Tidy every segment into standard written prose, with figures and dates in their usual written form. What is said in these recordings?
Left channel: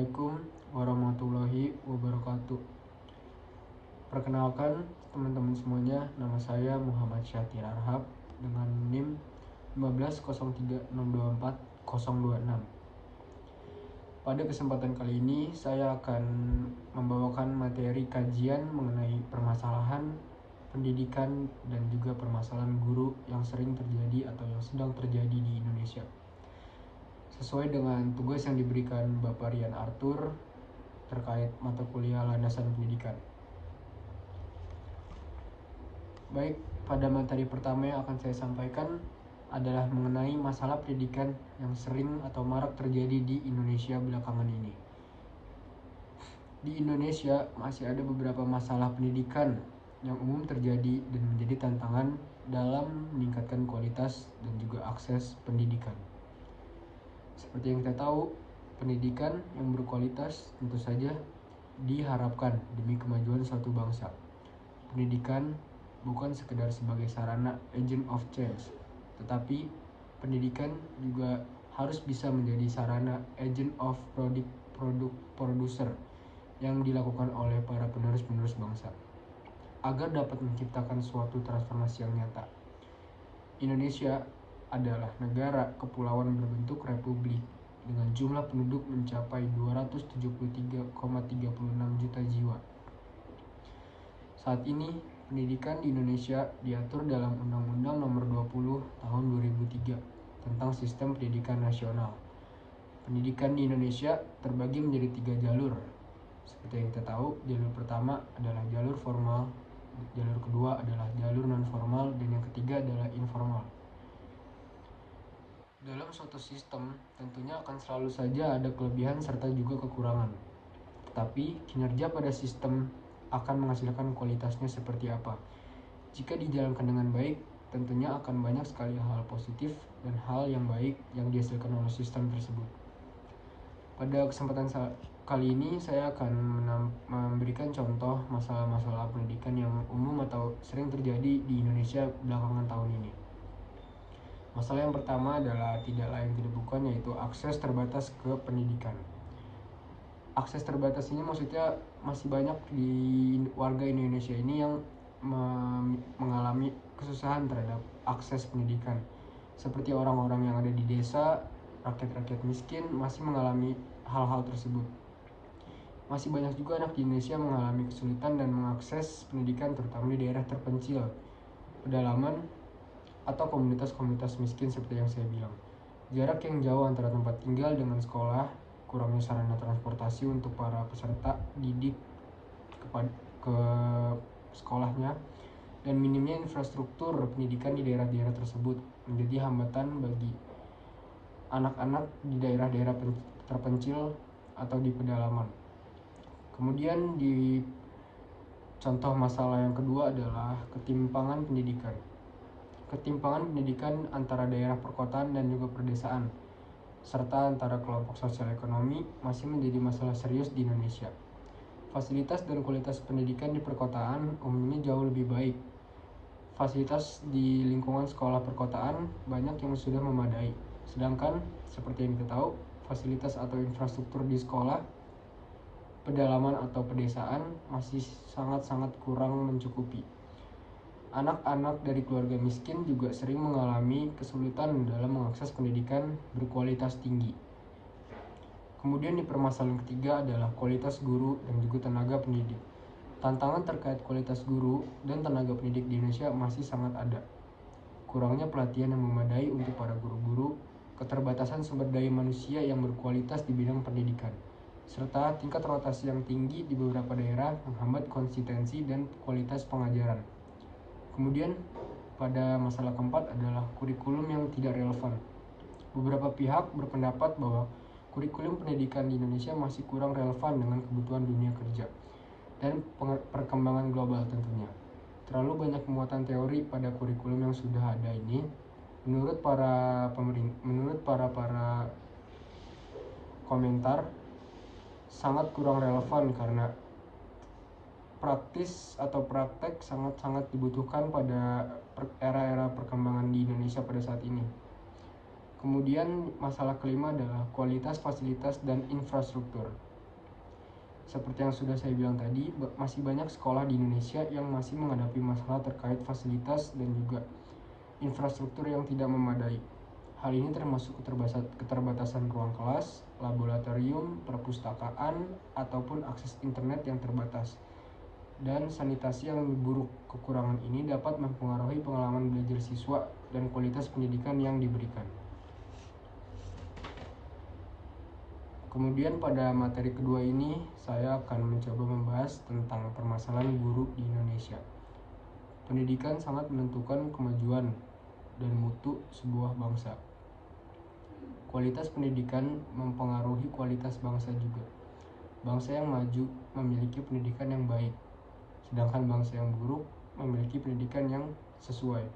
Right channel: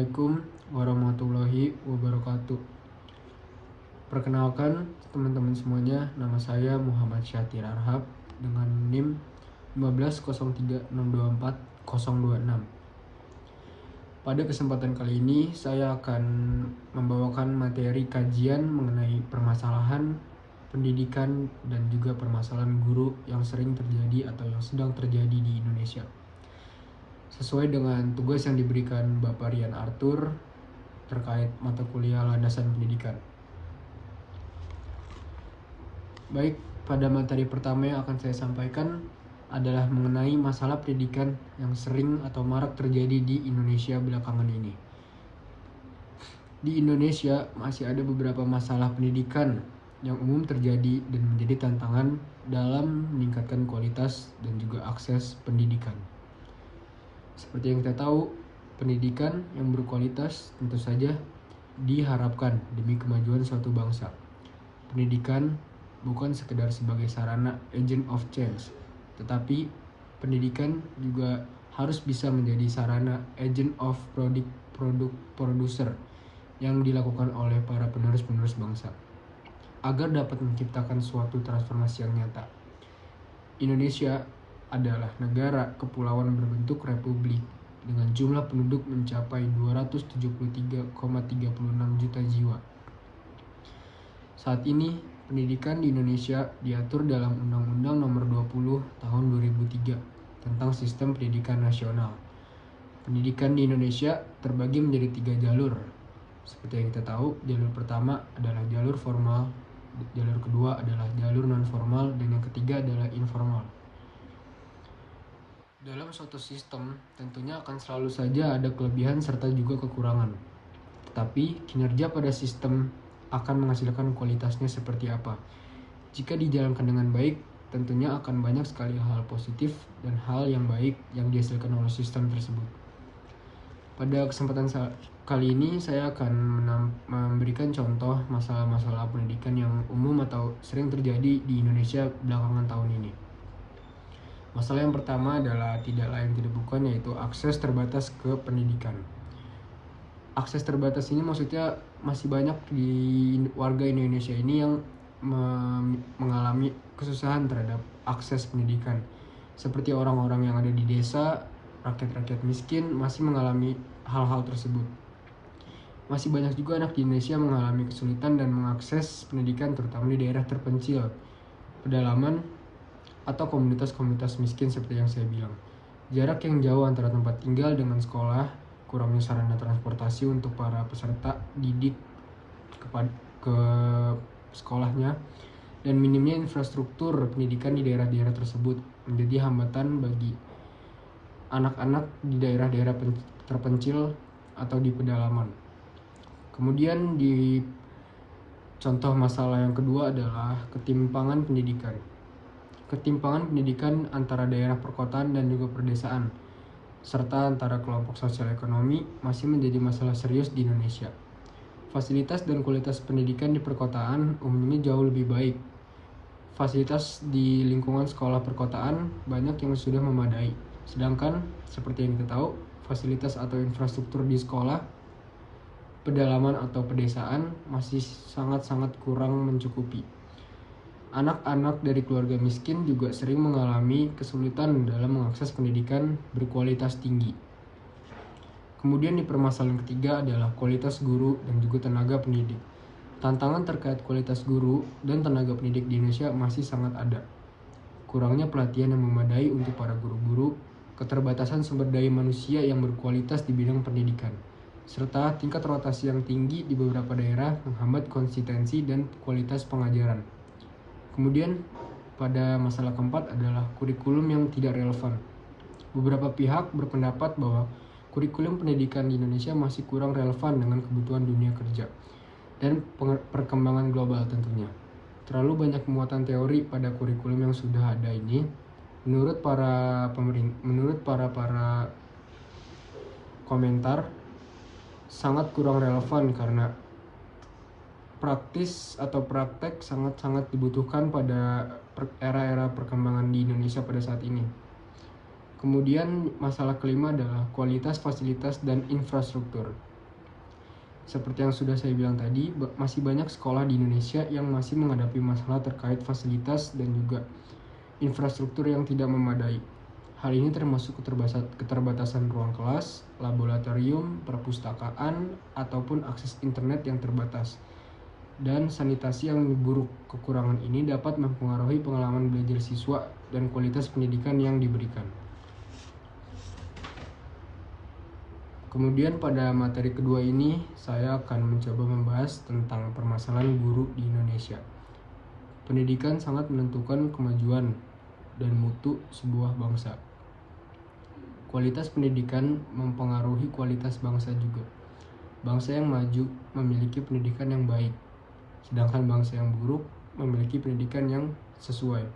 Assalamualaikum warahmatullahi wabarakatuh. Perkenalkan teman-teman semuanya, nama saya Muhammad Syatir Arhab dengan NIM 15036240026. Pada kesempatan kali ini saya akan membawakan materi kajian mengenai permasalahan pendidikan dan juga permasalahan guru yang sering terjadi atau yang sedang terjadi di Indonesia. Sesuai dengan tugas yang diberikan Bapak Rian Arthur terkait mata kuliah landasan pendidikan. Baik, pada materi pertama yang akan saya sampaikan adalah mengenai masalah pendidikan yang sering atau marak terjadi di Indonesia belakangan ini. Di Indonesia masih ada beberapa masalah pendidikan yang umum terjadi dan menjadi tantangan dalam meningkatkan kualitas dan juga akses pendidikan. Seperti yang kita tahu, pendidikan yang berkualitas tentu saja diharapkan demi kemajuan suatu bangsa. Pendidikan bukan sekedar sebagai sarana agent of change, tetapi pendidikan juga harus bisa menjadi sarana agent of producer yang dilakukan oleh para penerus-penerus bangsa agar dapat menciptakan suatu transformasi yang nyata. Indonesia adalah negara kepulauan berbentuk republik dengan jumlah penduduk mencapai 273,36 juta jiwa. Saat ini, pendidikan di Indonesia diatur dalam Undang-Undang Nomor 20 Tahun 2003 tentang Sistem Pendidikan Nasional. Pendidikan di Indonesia terbagi menjadi 3 jalur. Seperti yang kita tahu, jalur pertama adalah jalur formal, jalur kedua adalah jalur non-formal, dan yang ketiga adalah informal. Dalam suatu sistem, tentunya akan selalu saja ada kelebihan serta juga kekurangan. Tetapi, kinerja pada sistem akan menghasilkan kualitasnya seperti apa. Jika dijalankan dengan baik, tentunya akan banyak sekali hal positif dan hal yang baik yang dihasilkan oleh sistem tersebut. Pada kesempatan kali ini, saya akan memberikan contoh masalah-masalah pendidikan yang umum atau sering terjadi di Indonesia belakangan tahun ini. Masalah yang pertama adalah tidak lain tidak bukan, yaitu akses terbatas ke pendidikan. Akses terbatas ini maksudnya masih banyak di warga Indonesia ini yang mengalami kesusahan terhadap akses pendidikan. Seperti orang-orang yang ada di desa, rakyat-rakyat miskin masih mengalami hal-hal tersebut. Masih banyak juga anak di Indonesia mengalami kesulitan dan mengakses pendidikan, terutama di daerah terpencil, pedalaman, atau komunitas-komunitas miskin seperti yang saya bilang. Jarak yang jauh antara tempat tinggal dengan sekolah, kurangnya sarana transportasi untuk para peserta didik ke sekolahnya, dan minimnya infrastruktur pendidikan di daerah-daerah tersebut menjadi hambatan bagi anak-anak di daerah-daerah terpencil atau di pedalaman. Kemudian di contoh masalah yang kedua adalah ketimpangan pendidikan. Ketimpangan pendidikan antara daerah perkotaan dan juga perdesaan, serta antara kelompok sosial ekonomi masih menjadi masalah serius di Indonesia. Fasilitas dan kualitas pendidikan di perkotaan umumnya jauh lebih baik. Fasilitas di lingkungan sekolah perkotaan banyak yang sudah memadai. Sedangkan, seperti yang kita tahu, fasilitas atau infrastruktur di sekolah, pedalaman atau pedesaan masih sangat-sangat kurang mencukupi. Anak-anak dari keluarga miskin juga sering mengalami kesulitan dalam mengakses pendidikan berkualitas tinggi. Kemudian di permasalahan ketiga adalah kualitas guru dan juga tenaga pendidik. Tantangan terkait kualitas guru dan tenaga pendidik di Indonesia masih sangat ada. Kurangnya pelatihan yang memadai untuk para guru-guru, keterbatasan sumber daya manusia yang berkualitas di bidang pendidikan, serta tingkat rotasi yang tinggi di beberapa daerah menghambat konsistensi dan kualitas pengajaran. Kemudian pada masalah keempat adalah kurikulum yang tidak relevan. Beberapa pihak berpendapat bahwa kurikulum pendidikan di Indonesia masih kurang relevan dengan kebutuhan dunia kerja dan perkembangan global tentunya. Terlalu banyak muatan teori pada kurikulum yang sudah ada ini. Menurut para komentar sangat kurang relevan karena praktis atau praktek sangat-sangat dibutuhkan pada era-era perkembangan di Indonesia pada saat ini. Kemudian masalah kelima adalah kualitas fasilitas dan infrastruktur. Seperti yang sudah saya bilang tadi, masih banyak sekolah di Indonesia yang masih menghadapi masalah terkait fasilitas dan juga infrastruktur yang tidak memadai. Hal ini termasuk keterbatasan ruang kelas, laboratorium, perpustakaan, ataupun akses internet yang terbatas. Dan sanitasi yang buruk. Kekurangan ini dapat mempengaruhi pengalaman belajar siswa dan kualitas pendidikan yang diberikan. Kemudian pada materi kedua ini saya akan mencoba membahas tentang permasalahan guru di Indonesia. Pendidikan sangat menentukan kemajuan dan mutu sebuah bangsa. Kualitas pendidikan mempengaruhi kualitas bangsa juga. Bangsa yang maju memiliki pendidikan yang baik, sedangkan bangsa yang buruk memiliki pendidikan yang sesuai.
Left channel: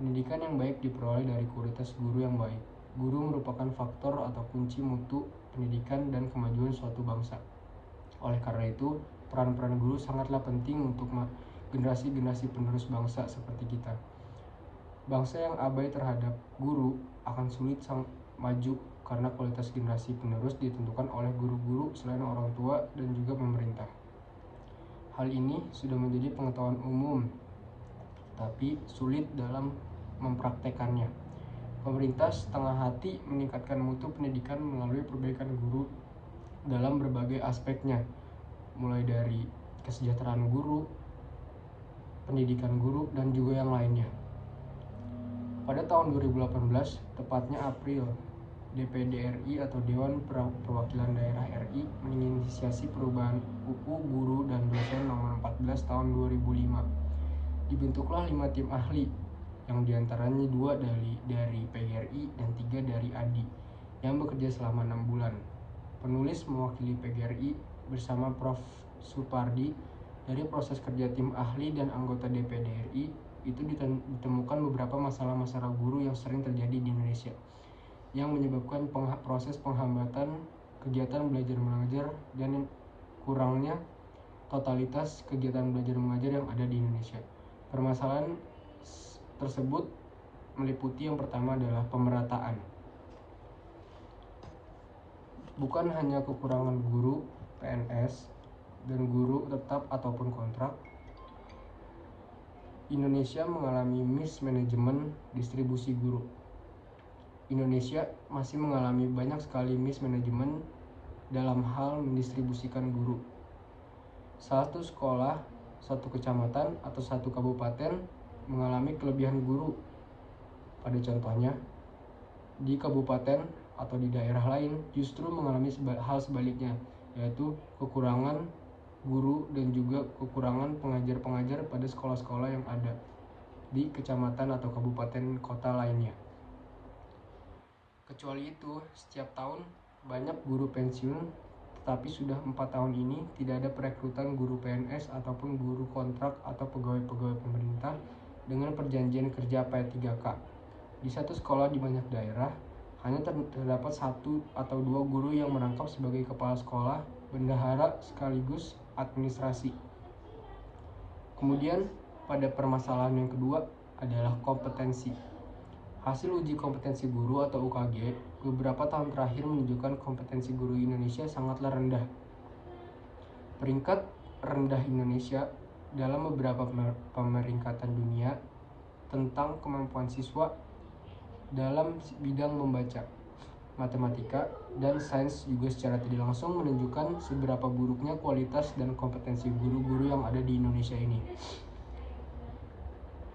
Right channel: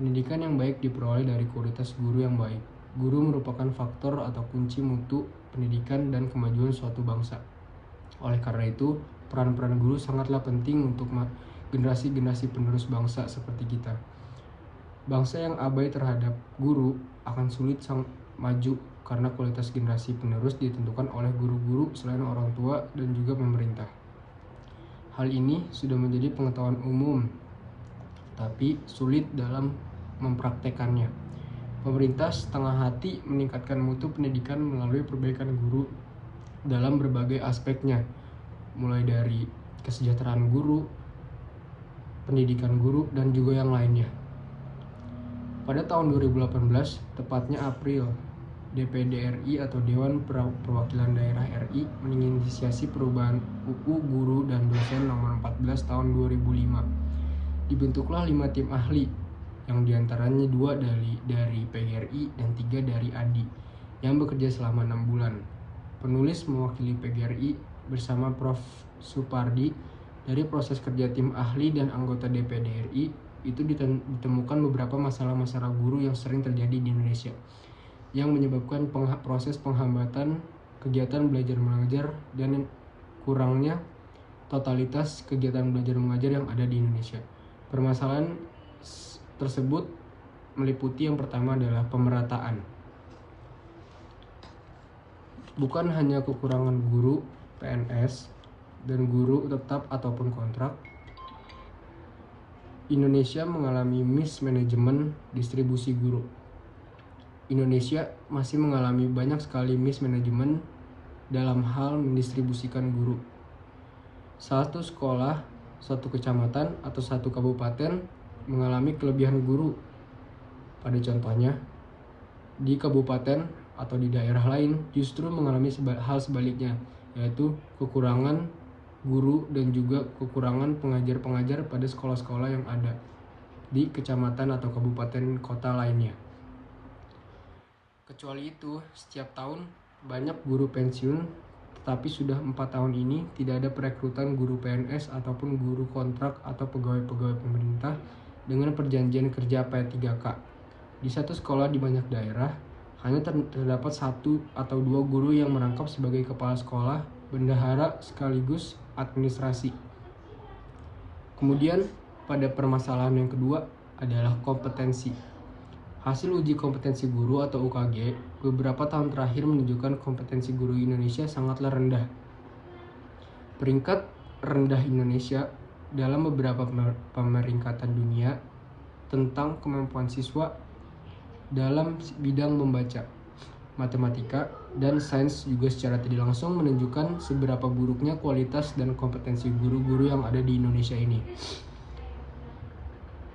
Pendidikan yang baik diperoleh dari kualitas guru yang baik. Guru merupakan faktor atau kunci mutu pendidikan dan kemajuan suatu bangsa. Oleh karena itu, peran-peran guru sangatlah penting untuk generasi-generasi penerus bangsa seperti kita. Bangsa yang abai terhadap guru akan sulit maju karena kualitas generasi penerus ditentukan oleh guru-guru selain orang tua dan juga pemerintah. Hal ini sudah menjadi pengetahuan umum, tapi sulit dalam mempraktekannya. Pemerintah setengah hati meningkatkan mutu pendidikan melalui perbaikan guru dalam berbagai aspeknya, mulai dari kesejahteraan guru, pendidikan guru, dan juga yang lainnya. Pada tahun 2018, tepatnya April, DPD RI atau Dewan Perwakilan Daerah RI menginisiasi perubahan UU Guru dan Dosen nomor 14 tahun 2005. Dibentuklah 5 tim ahli, yang diantaranya 2 dari PGRI dan 3 dari ADI, yang bekerja selama 6 bulan. Penulis mewakili PGRI bersama Prof. Supardi. Dari proses kerja tim ahli dan anggota DPD RI, itu ditemukan beberapa masalah-masalah guru yang sering terjadi di Indonesia, yang menyebabkan proses penghambatan kegiatan belajar mengajar dan kurangnya totalitas kegiatan belajar mengajar yang ada di Indonesia. Permasalahan tersebut meliputi yang pertama adalah pemerataan. Bukan hanya kekurangan guru PNS dan guru tetap ataupun kontrak, Indonesia mengalami mismanajemen distribusi guru. Indonesia masih mengalami banyak sekali mismanajemen dalam hal mendistribusikan guru. Satu sekolah, satu kecamatan, atau satu kabupaten mengalami kelebihan guru. Pada contohnya, di kabupaten atau di daerah lain justru mengalami hal sebaliknya, yaitu kekurangan guru dan juga kekurangan pengajar-pengajar pada sekolah-sekolah yang ada di kecamatan atau kabupaten kota lainnya. Kecuali itu, setiap tahun banyak guru pensiun, tetapi sudah 4 tahun ini tidak ada perekrutan guru PNS ataupun guru kontrak atau pegawai-pegawai pemerintah dengan perjanjian kerja P3K. Di satu sekolah di banyak daerah, hanya terdapat 1 atau 2 guru yang merangkap sebagai kepala sekolah, bendahara sekaligus administrasi. Kemudian pada permasalahan yang kedua adalah kompetensi. Hasil uji kompetensi guru atau UKG beberapa tahun terakhir menunjukkan kompetensi guru Indonesia sangatlah rendah. Peringkat rendah Indonesia dalam beberapa pemeringkatan dunia tentang kemampuan siswa dalam bidang membaca, matematika, dan sains juga secara tidak langsung menunjukkan seberapa buruknya kualitas dan kompetensi guru-guru yang ada di Indonesia ini.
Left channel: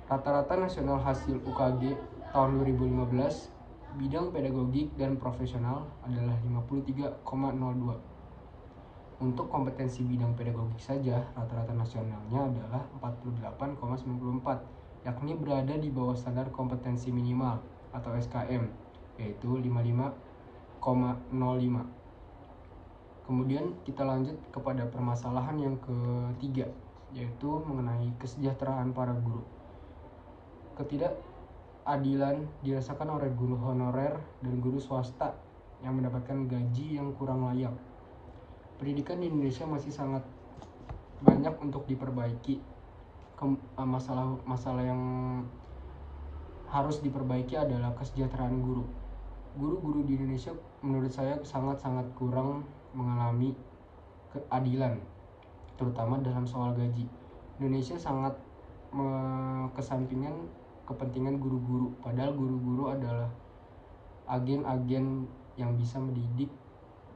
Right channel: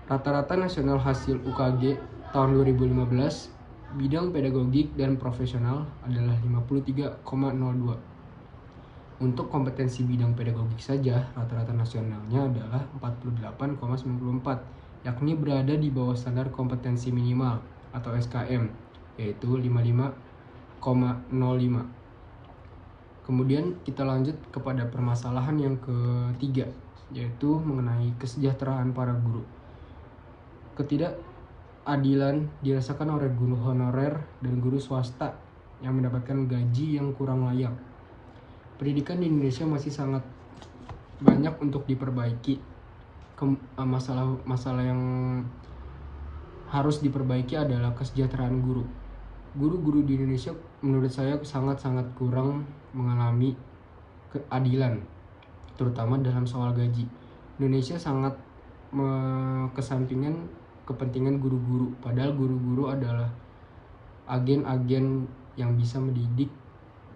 Rata-rata nasional hasil UKG tahun 2015 bidang pedagogik dan profesional adalah 53,02. Untuk kompetensi bidang pedagogik saja, rata-rata nasionalnya adalah 48,94, yakni berada di bawah standar kompetensi minimal atau SKM, yaitu 55,05. Kemudian kita lanjut kepada permasalahan yang ketiga, yaitu mengenai kesejahteraan para guru. Ketidakadilan dirasakan oleh guru honorer dan guru swasta yang mendapatkan gaji yang kurang layak. Pendidikan di Indonesia masih sangat banyak untuk diperbaiki. Masalah yang harus diperbaiki adalah kesejahteraan guru. Guru-guru di Indonesia menurut saya sangat-sangat kurang mengalami keadilan, terutama dalam soal gaji. Indonesia sangat kesampingan kepentingan guru-guru, padahal guru-guru adalah agen-agen yang bisa mendidik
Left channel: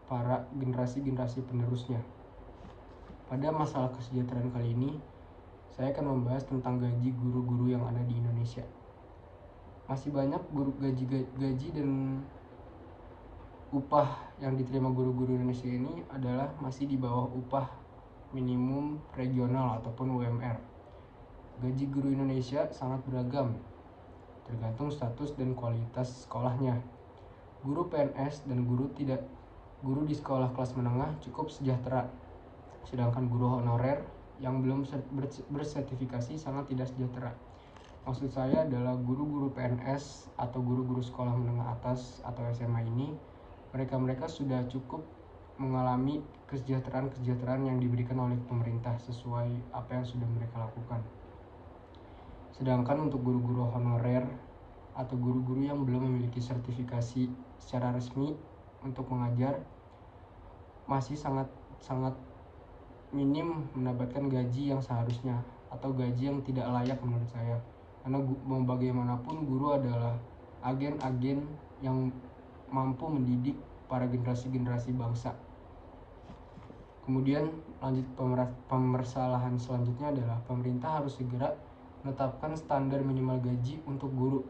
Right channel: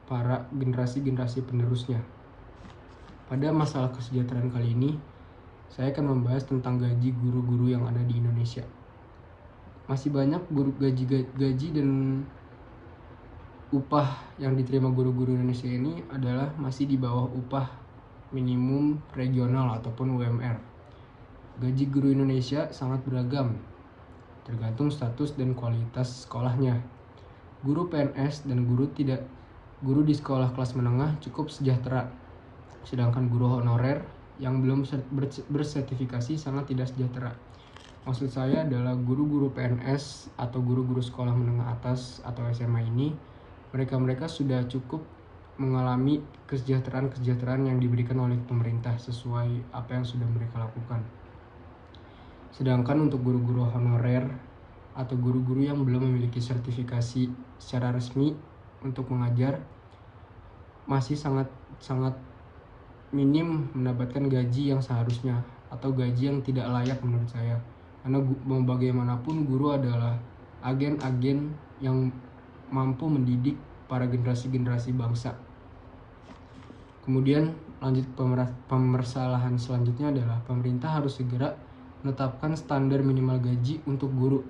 para generasi-generasi penerusnya. Pada masalah kesejahteraan kali ini, saya akan membahas tentang gaji guru-guru yang ada di Indonesia. Masih banyak guru gaji dan upah yang diterima guru-guru Indonesia ini adalah masih di bawah upah minimum regional ataupun UMR. Gaji guru Indonesia sangat beragam, tergantung status dan kualitas sekolahnya. Guru PNS dan guru di sekolah kelas menengah cukup sejahtera, sedangkan guru honorer yang belum bersertifikasi sangat tidak sejahtera. Maksud saya adalah guru-guru PNS atau guru-guru sekolah menengah atas atau SMA ini, mereka sudah cukup mengalami kesejahteraan yang diberikan oleh pemerintah sesuai apa yang sudah mereka lakukan. Sedangkan untuk guru-guru honorer atau guru-guru yang belum memiliki sertifikasi secara resmi untuk mengajar masih sangat minim mendapatkan gaji yang seharusnya atau gaji yang tidak layak menurut saya. Karena bagaimanapun guru adalah agen-agen yang mampu mendidik para generasi-generasi bangsa. Kemudian lanjut pemasalahan selanjutnya adalah pemerintah harus segera menetapkan standar minimal gaji untuk guru,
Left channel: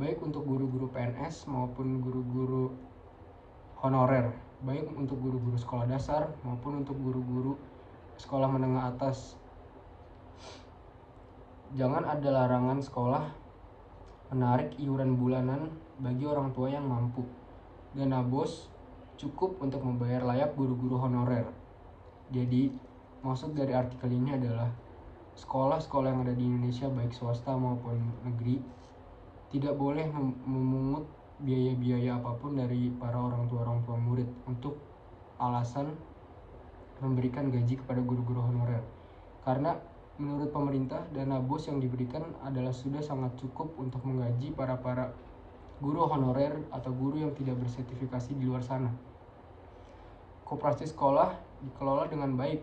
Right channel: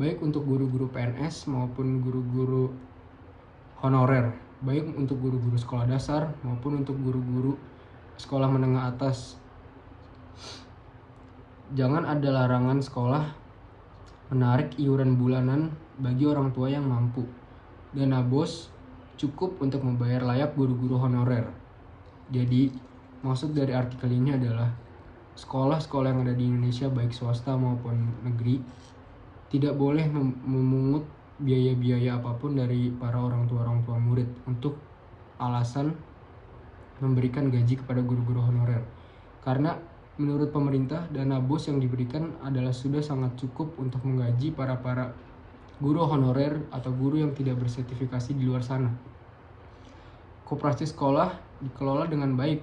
baik untuk guru-guru PNS maupun guru-guru honorer, baik untuk guru-guru sekolah dasar maupun untuk guru-guru sekolah menengah atas. Jangan ada larangan sekolah menarik iuran bulanan bagi orang tua yang mampu. Dana BOS cukup untuk membayar layak guru-guru honorer. Jadi, maksud dari artikel ini adalah sekolah-sekolah yang ada di Indonesia baik swasta maupun negeri tidak boleh memungut biaya-biaya apapun dari para orang tua murid untuk alasan memberikan gaji kepada guru-guru honorer. Karena menurut pemerintah, dana BOS yang diberikan adalah sudah sangat cukup untuk menggaji para guru honorer atau guru yang tidak bersertifikasi di luar sana. Koperasi sekolah dikelola dengan baik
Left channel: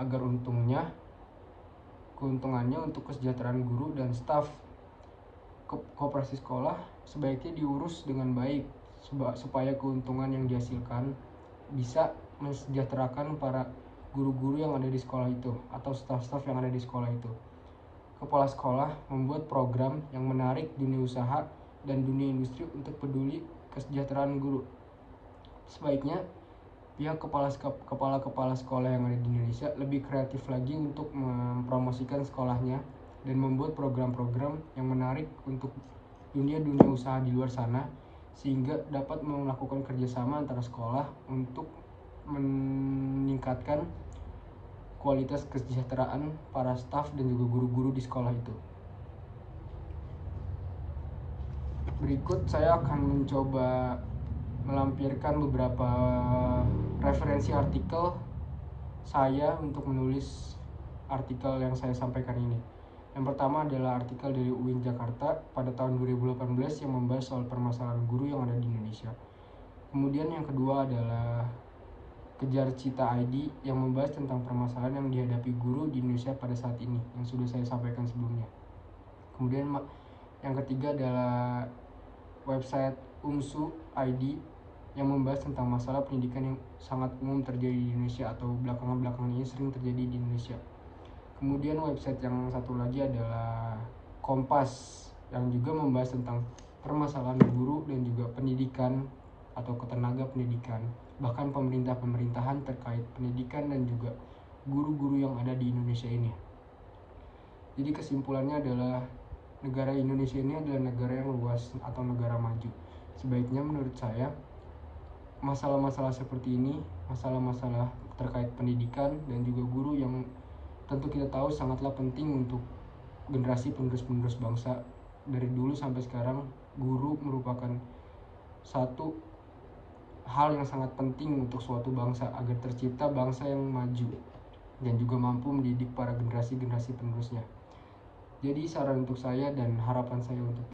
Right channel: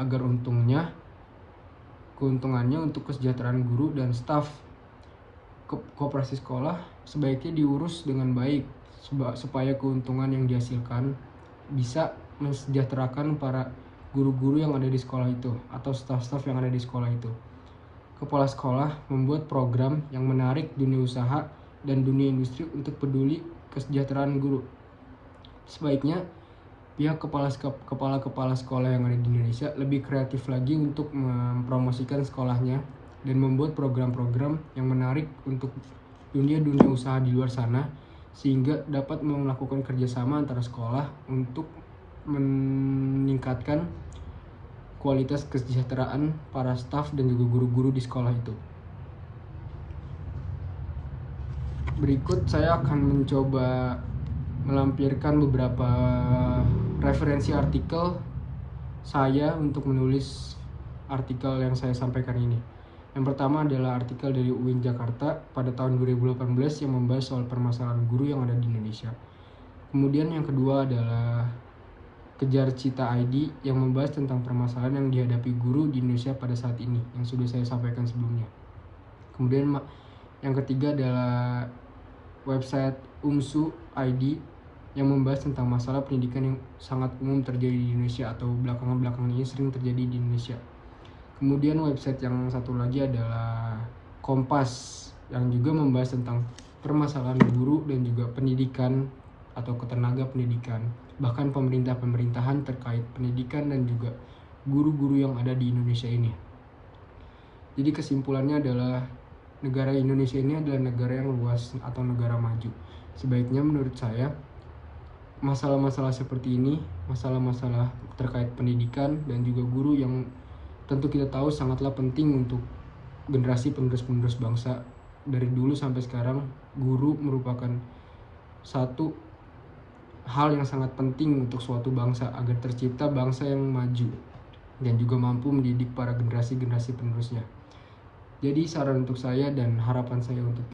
agar keuntungannya untuk kesejahteraan guru dan staf. Koperasi sekolah sebaiknya diurus dengan baik supaya keuntungan yang dihasilkan bisa mensejahterakan para guru-guru yang ada di sekolah itu atau staf-staf yang ada di sekolah itu. Kepala sekolah membuat program yang menarik dunia usaha dan dunia industri untuk peduli kesejahteraan guru. Sebaiknya pihak kepala sekolah yang ada di Indonesia lebih kreatif lagi untuk mempromosikan sekolahnya dan membuat program-program yang menarik untuk dunia usaha di luar sana, sehingga dapat melakukan kerjasama antara sekolah untuk meningkatkan kualitas kesejahteraan para staf dan juga guru-guru di sekolah itu. Berikut saya akan mencoba melampirkan beberapa referensi artikel saya untuk menulis artikel yang saya sampaikan ini. Yang pertama adalah artikel dari UIN Jakarta pada tahun 2018 yang membahas soal permasalahan guru yang ada di Indonesia. Kemudian yang kedua adalah Kejar Cita ID yang membahas tentang permasalahan yang dihadapi guru di Indonesia pada saat ini, yang sudah saya sampaikan sebelumnya. Kemudian yang ketiga adalah website UMSU ID yang membahas tentang masalah pendidikan yang sangat umum terjadi di Indonesia atau belakangan ini sering terjadi di Indonesia. Kemudian website yang satu lagi adalah Kompas yang juga membahas tentang permasalahan guru dan juga pendidikan atau ketenaga pendidikan, bahkan pemerintahan terkait pendidikan dan juga guru-guru yang ada di Indonesia ini. Jadi kesimpulannya adalah negara Indonesia ini adalah negara yang luas atau negara maju. Sebaiknya menurut saya masalah-masalah seperti ini, masalah-masalah terkait pendidikan dan juga guru yang tentu kita tahu sangatlah penting untuk generasi penerus-penerus bangsa. Dari dulu sampai sekarang, guru merupakan satu hal yang sangat penting untuk suatu bangsa agar tercipta bangsa yang maju dan juga mampu mendidik para generasi-generasi penerusnya. Jadi saran untuk saya dan harapan saya untuk